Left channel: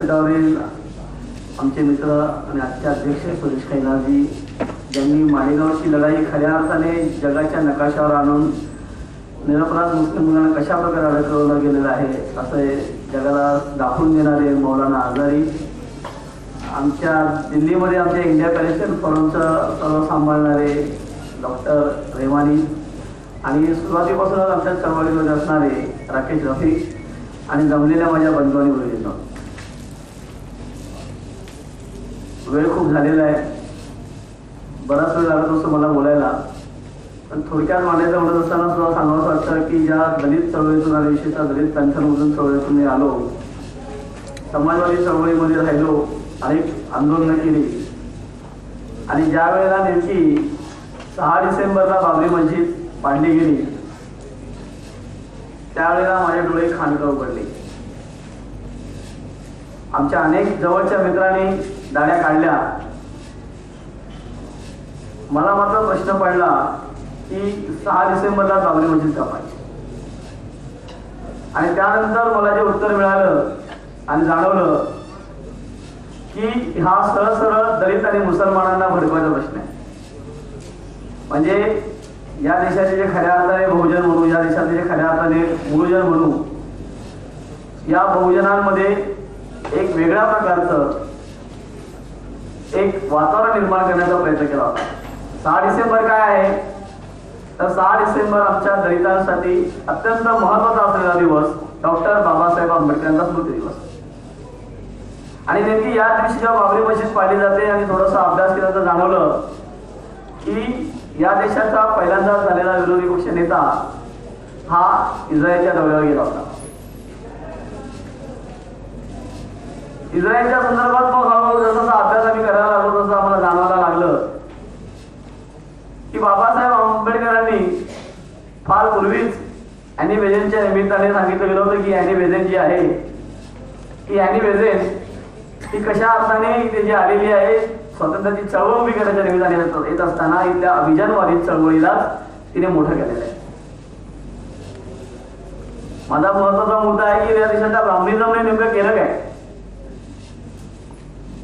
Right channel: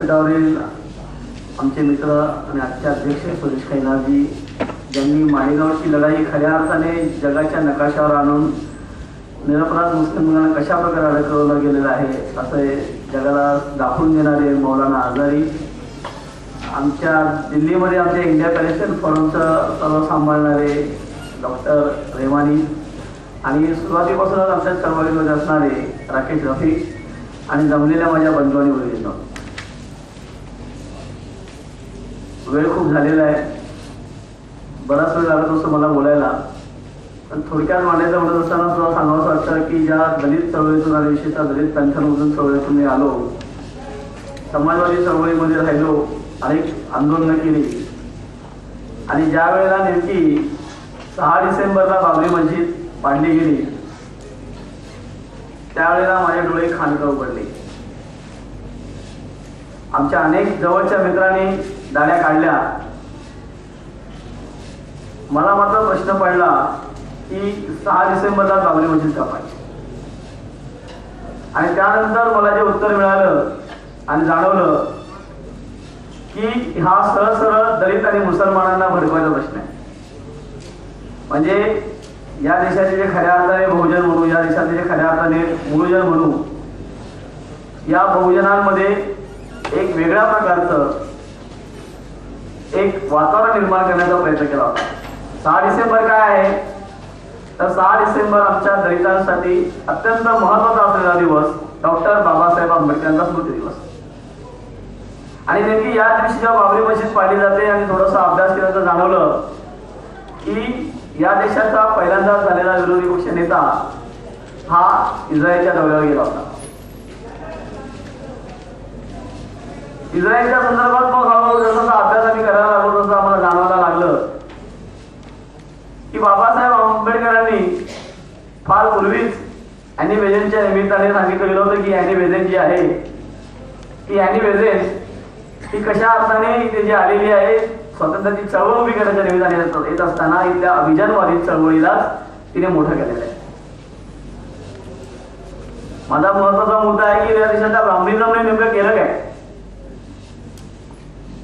गटावरील आमचे मित्र आणि आजचे अध्यक्ष सुरेश खैनाजी ज्यांनी मालेगावची लढाई खऱ्या अर्थाने जगाच्या नकाशावर आणून निरपराध मुस्लिम मुलांना कशा प्रकारे अडकवलं गेलेलं आहे असे जगाला दाखवून देणारे मौलाना आजारी, आमच्या दिल्लीमध्ये आमच्या इंडिया पॅलेस्टाईन फोरमचं सर्व सांभाळणारे डॉक्टर रेमानी आणि सुरुवातीपासूनच आमच्या चळवळीमध्ये असणारे राकेश रफिक आणि जमलेल्या माझ्या बंधू आणि वडिलांना वेळ खूप झालेला आहे, बराच वेळ लागत असतो मला बोलायला, पण थोडक्यात मांडायचं म्हणत असताना सुद्धा सांगावंसं वाटतं की ज्या दलित चळवळीतून आणि विशेषतः दलित पॅन्थरमधून चळवळीतून मी आलो, समाजवादी चळवळीमध्ये राहिलो, अनेक आंदोलनं केली आणि ज्या वेळेला नेमकी 6 डिसेंबरला बाबरी मस्जिद पाडली गेली त्यावेळेला माझे डोळे खाणकाव पडले. आमच्या अनेक जवळच्या मित्रांनी दाड्या काढल्या. मला मात्र प्रश्न पडला की 6 डिसेंबरला बाबरी मस्जिद का पाहिजे, आणि त्यानंतर मला जे उत्तर मिळालं आणि जाणवलं की हा सरळ सरळ दलित आणि मुसलमानांना भडकवायचा प्रश्न आहे. म्हणजे या देशाचे जे खऱ्या अर्थाने बहुजन म्हणू, या देशाचे जे खऱ्या अर्थाने मूळजन म्हणू, या बहुजनांमध्ये एक वेगळ्या प्रकारचं एक वातावरण निर्माण करण्याचा प्रयत्न केला होता. 6 डिसेंबर काय आहे तर 6 डिसेंबर आमच्या दलितांसाठी अत्यंत महत्त्वाचा असलेला दिवस, डॉक्टर बाबासाहेब आंबेडकरांचा स्मृती दिवस. आणि नेमकी या दिवशी जेव्हा बाबरी मस्जिद पाडली जाते आणि थोडासा अभ्यास केल्याचं जाणवलं की या देशाचा पहिल्यांदा झालेला विरोधी पक्ष नेता हा इस्रायलच्या दौऱ्यावर गेला होता. इस्रायलच्या संदर्भात मग हळूहळू जसा अभ्यास आम्ही करायला लागलो तसं आम्हाला जाणवायला लागलं की बाबासाहेब आंबेडकरांनी फार पूर्वीच अॅनी बेझंटच्या निमित्ताने सांगितलं गेलं होतं की अॅनी बेझंट जी आहे की अॅनी बेझंट ही कशा अर्थाने इथे जी आलेली आहे स्वातंत्र्याची चळवळ उभी करण्याच्या निमित्ताने येत असताना इथल्या अभिजानवादी चळवळीलाच तिने मोठं केलेलं आहे. माझा महत्वाचा मुद्दा आहे की या देशाच्या ब्राह्मणिझमने नेमकं केलं काय.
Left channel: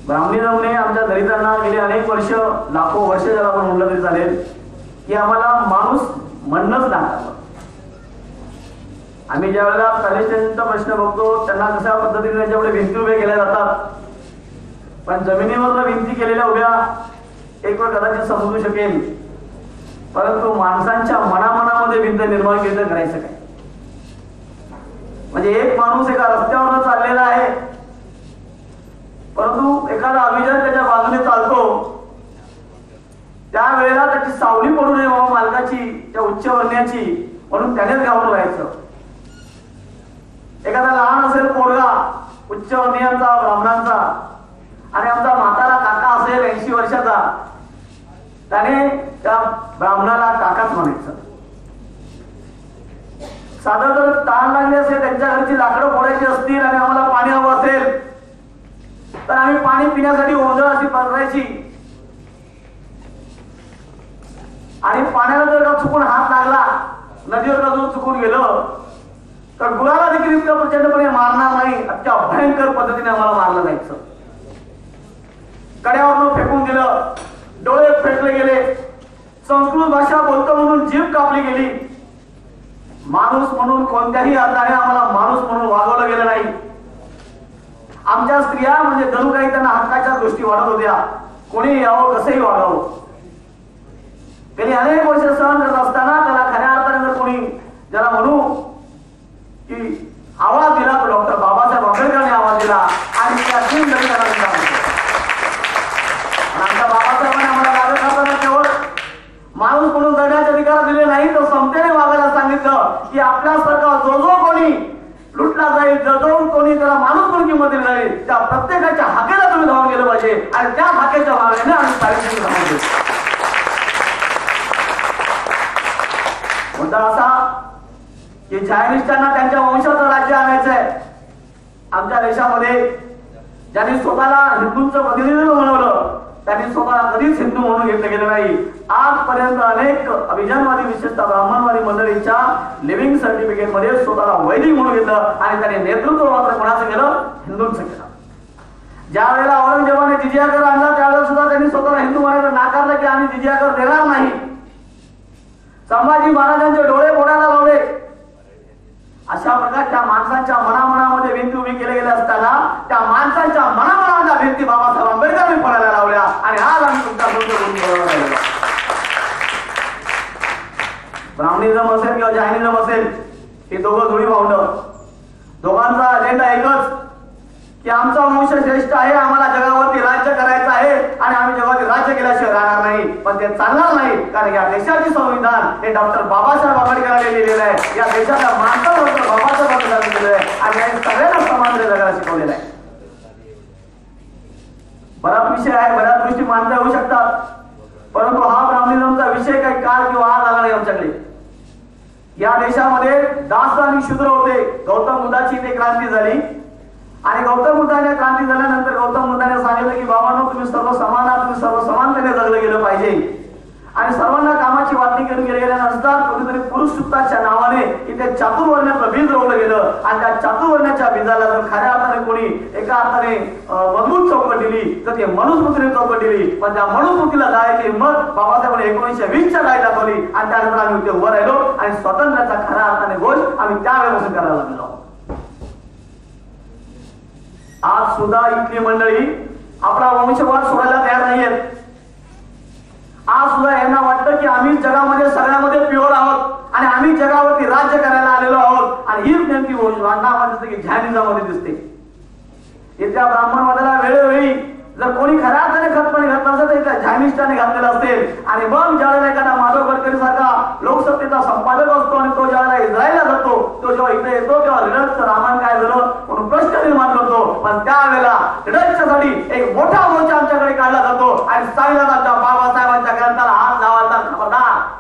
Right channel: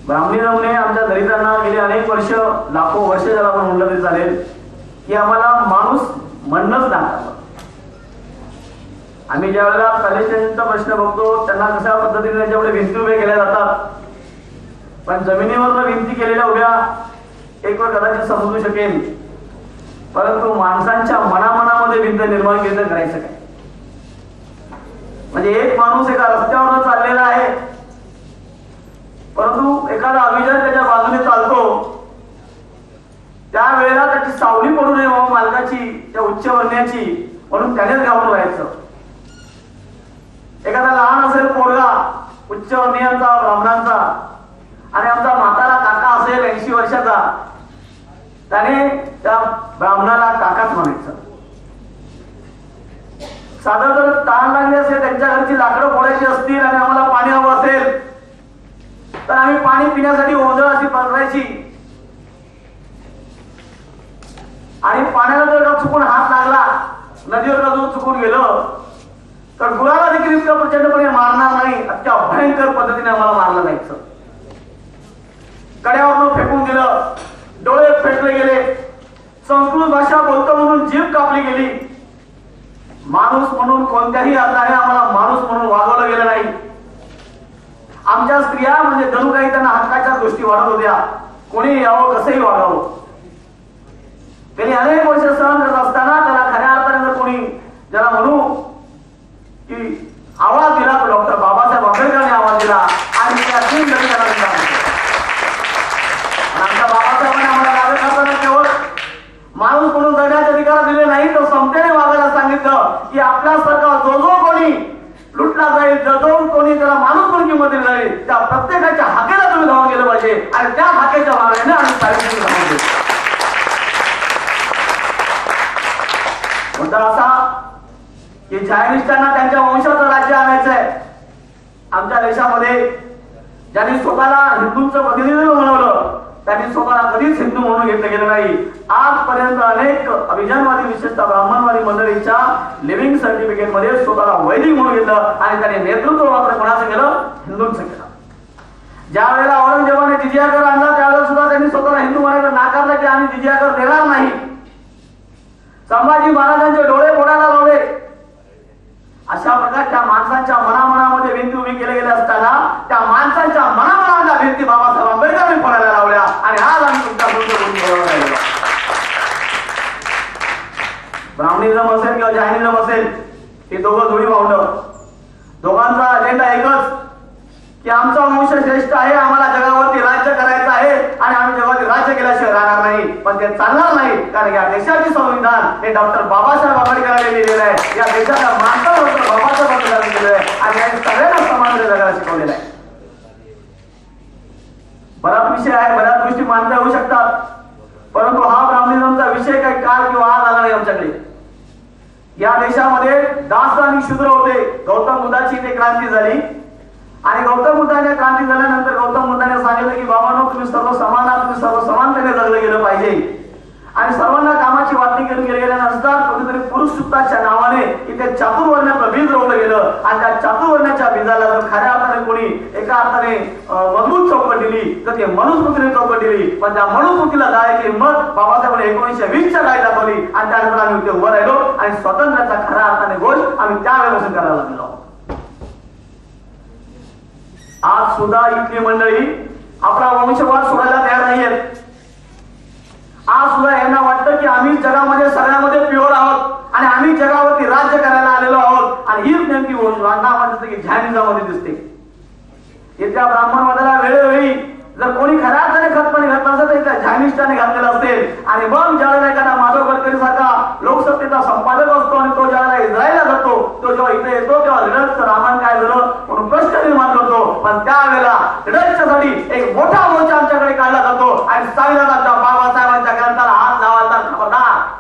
ब्राह्मणिझमने आमच्या दलितांना गेली अनेक वर्ष, लाखो वर्ष ज्याला आपण म्हटलं तरी चालेल, की आम्हाला माणूस म्हणणंच नाकारलं. आम्ही ज्या वेळेला पॅलेस्टाईनचा प्रश्न बघतो त्यांना कशा पद्धतीने त्याच्यापुढे भिंती उभ्या केल्या जातात, पण जमिनीवर भिंती केलेल्या उभ्या एक वेळ कदाचित समजू शकेल, परंतु माणसांच्या मनामनामध्ये भिंत निर्माण केली तर करायचं काय. म्हणजे एक माणूस एका रस्त्यावर चाललेला आहे, परंतु एखादा अभिजात त्याच्या बाजूने चालतो, त्यावेळेला त्याची सावली पडू नये बाबा मालकाची, त्या उच्च वर्ण्याची, म्हणून त्यानेच घाबरून राहायचं. एखादा लहान असेल पोरगा उच्च वर्णीयांचा, ब्राह्मणांचा, आणि आमचा म्हातारा काका असेल 80 वर्षाचा, त्याने त्या ब्राह्मणाला काकाच म्हणायचं. साधं जर ताण लागले असेल, त्यांच्या घरची लाकडं फोडायची असतील आणि आम्हाला पाणी हवं असेल तर आम्ही पाणी पिण्यासाठी ओंजळ अशी पसरायची, आणि पाण्याला जर का चुकून हात लागला, नदीवर का जर चुकून गेलं तर गुराला देखील इतकं प्रचंडपणे मारणार नाही, अत्या भयंकर पद्धतीने आम्हाला मारलं जायचं. कड्यावरून फेकून दिलं, डोळे फेकले गेले, संस्कृत भाषा बोलतो म्हणून जीभ कापली गेली, माणूस म्हणून कोणत्याही अर्थाने आम्हाला माणूस म्हणून वागवलं गेलं नाही. आमच्या स्त्रिया म्हणजे जणू काही त्यांना हक्काच्या गोष्टी वाढत होत्या, कोणी यावं कसंही वागावं. त्यांनी अनेक वर्ष सहन करत असताना त्याला खऱ्या अर्थाने जर कोणी ज्याला म्हणू की आवाज दिला तर डॉक्टर बाबासाहेब आंबेडकरांनी आवाज दिला आणि त्या तीन दलितांना आमच्या बाबासाहेबांनी आम्हाला लागत असताना केवळ माणूस म्हणून जगण्याचे अधिकार दिले नाही, तर समतेने वागायला सांगितलं की आपल्यासारखा जो जो कोणी लुटला जाईल, जो कोणी त्याला माणूस म्हणून किंमत दिली जाईल, त्या प्रत्येकाच्या हाकेला तुम्ही धावून गेलं पाहिजे, आणि त्या हाकेच्या मागण्याने आम्ही साहित्य धावून गेलो. मुद्दा असा की झायनिस्टांना त्यांच्या वंशाचं राज्य आणायचं आहे. आमच्या देशामध्ये ज्यांनी स्वतःला हिंदूंचं प्रतिनिधित्व बनवलं त्यांनी स्वतःला कधीच हिंदू म्हणून घेतलं गेलं नाही. आजपर्यंत अनेक अभिजानवादी, विशेषतः ब्राह्मणवादी मंडळींच्या लिव्हिंग सर्टिफिकेट मध्ये स्वतःला वैदिक म्हणून घेतलं, आणि त्याने नेतृत्व मात्र कोणाचं केलं? हिंदूंचं केलं. ज्या वेळेला औरंगजेबाने जिजिया कर आणला त्यावेळेला सुद्धा त्यांनी स्वतःला हिंदू म्हणायला नाकारलं की आम्ही जिजिया कर देणार नाही. संभाजी महाराजांचे डोळे फोडायला लावले. अशा प्रकारच्या माणसांच्या मनामध्ये भिंती उभी केल्या गेल्या असताना त्या माणसांच्या मनामनाच्या भिंती बाबासाहेब आंबेडकरांनी फोडायला लावल्या आणि आज आम्ही तुमच्या बरोबर राहिलो. ब्राह्मणिझम असेल किंवा जैनिझम असेल, हे दोघं जुळी भावंड, दोघांचा अजेंडा एकच की आमचा वंश श्रेष्ठ आहे, आम्हाला जगावरती राज्य करायचं आहे आणि आम्ही जगावरती राज्य केल्याशिवाय राहणार नाही. पण ते चालणार नाही, कारण या देशाचे संविधान हे डॉक्टर बाबासाहेब आंबेडकरांनी लिहिलेलं आहे. या देशाच्या माणसाला डॉक्टर बाबासाहेब आंबेडकरांनी लिहिलेलं आहे आणि यांनी सगळ्यांना समान जगायला शिकवलेलं आहे. बराच विषय आहे, बऱ्याच गोष्टी मांडता येऊ शकतात, परंतु हा ब्राह्मणिझमचा विषय काही काळ किंवा आज आला नाही आमच्याकडे. या देशामध्ये दास आणि शूद्र होते. गौतम बुद्धाची इथे क्रांती झाली आणि गौतम बुद्धाने क्रांती झाल्यानंतर गौतम बुद्धाने सांगितलं की बाबांनो, तुम्ही सर्व समान आहात, तुम्ही सर्व समानतेने जगलं गेलं पाहिजे आणि सर्वांना कामाची वाटणी करून गेल्यानंतर कुठेतरी पुरुष सुत्ताच्या नावाने इथे चातुर्वर्ण्याचं बीज रोवलं गेलं आणि त्या चातुर्वर्ण्याच्या बीजाला जर खऱ्या अर्थाने कोणी एका अर्थाने मजबूत चौकट दिली तर ते मनुस्मृतीने चौकट दिली. पण त्या मनुस्मृतीला जायची हिंमत बाबासाहेबांनी 1920च्या काळी दाखवली आणि त्यानंतर आम्ही इथे उभं राहिलो आणि स्वातंत्र्याचा खऱ्या अर्थाने घोष आम्ही त्यावेळेपासून करायला लागलो. आज सुद्धा इथली मंडळी आपला वंशवाद सोडायला तयार नाहीयेत. आज सुद्धा यांना वाटतं की आम्ही जगामध्ये सगळ्यामध्ये प्युअर आहोत आणि आम्ही जगावरती राज्य करायला आलेलो आहोत आणि हीच नेमकी वंशवादामध्ये की जैनिझममध्ये दिसते. इथल्या ब्राह्मणवादाला वेळोवेळी जर कोणी खऱ्या अर्थाने खतपणे घातलं असेल तर इथल्या जैनिष्ठाने घातलेलं असेल आणि मग ज्यावेळेला एखादा माधव गडकरी सारखा लोकसत्तेचा संपादक असतो आणि तो ज्यावेळेला इस्रायलला जातो, तो जेव्हा इथे येतो तेव्हा रिडल्सचं रामायण काय झालं म्हणून प्रश्न निर्माण करतो. पण त्यावेळेला रिडल्सच्यासाठी एक मोठा मोर्चा आमच्याकडे काढला जातो आणि संविधानाच्या बाबासाहेबांच्या ग्रंथाला हात लावायचा खबरदार,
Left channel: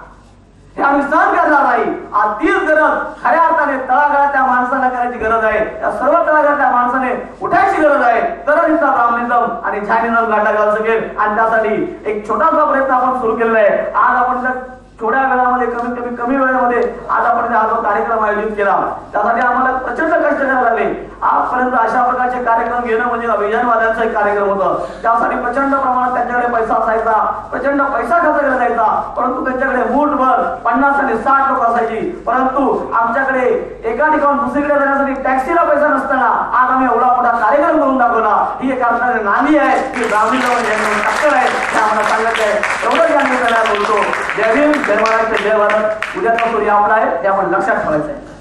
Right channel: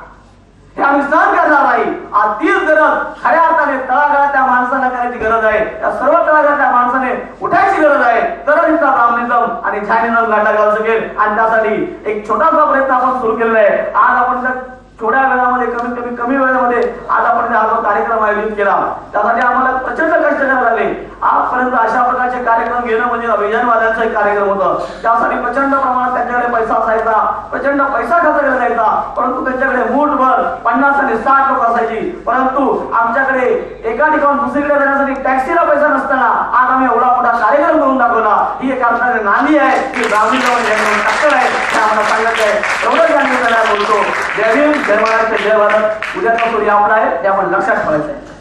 हे आम्ही सहन करणार नाही. आज तीच गरज खऱ्या अर्थाने तळागाळातल्या माणसाला करायची गरज आहे. या सर्व तळागाळातल्या माणसाने उठायची गरज आहे, तरच इथला ब्राह्मणिझम आणि जैनिझम गाठा घालू शकेल. आणि त्यासाठी एक छोटासा प्रयत्न आपण सुरू केलेला आहे. आज आपण थोड्या वेळामध्ये कमी वेळेमध्ये आज आपण हा जो कार्यक्रम आयोजित केला त्यासाठी आम्हाला प्रचंड कष्ट करावे लागले. आजपर्यंत अशा प्रकारचे कार्यक्रम घेणं म्हणजे अभियानवाद्यांचा एक कार्यक्रम होता. त्यासाठी प्रचंड प्रमाणात त्यांच्याकडे पैसा असायचा, प्रचंड पैसा खर्च केला जायचा, परंतु त्यांच्याकडे मूठभर 50 आणि 60 लोक असायची. परंतु आमच्याकडे एका ठिकाणून दुसरीकडे जाण्यासाठी टॅक्सीला पैसा नसताना आज आम्ही एवढा मोठा कार्यक्रम करून दाखवला. ही एक अर्थाने नांदी आहे की ब्राह्मणिझम टक्कर आहे हे आम्हाला सांगत आहे. एवढंच आम्ही बोलतो. जय भीम, जय महाराष्ट्र, जय भारत. उद्याचा सूर्य आपला आहे हे आपण लक्षात ठेवायचं आहे.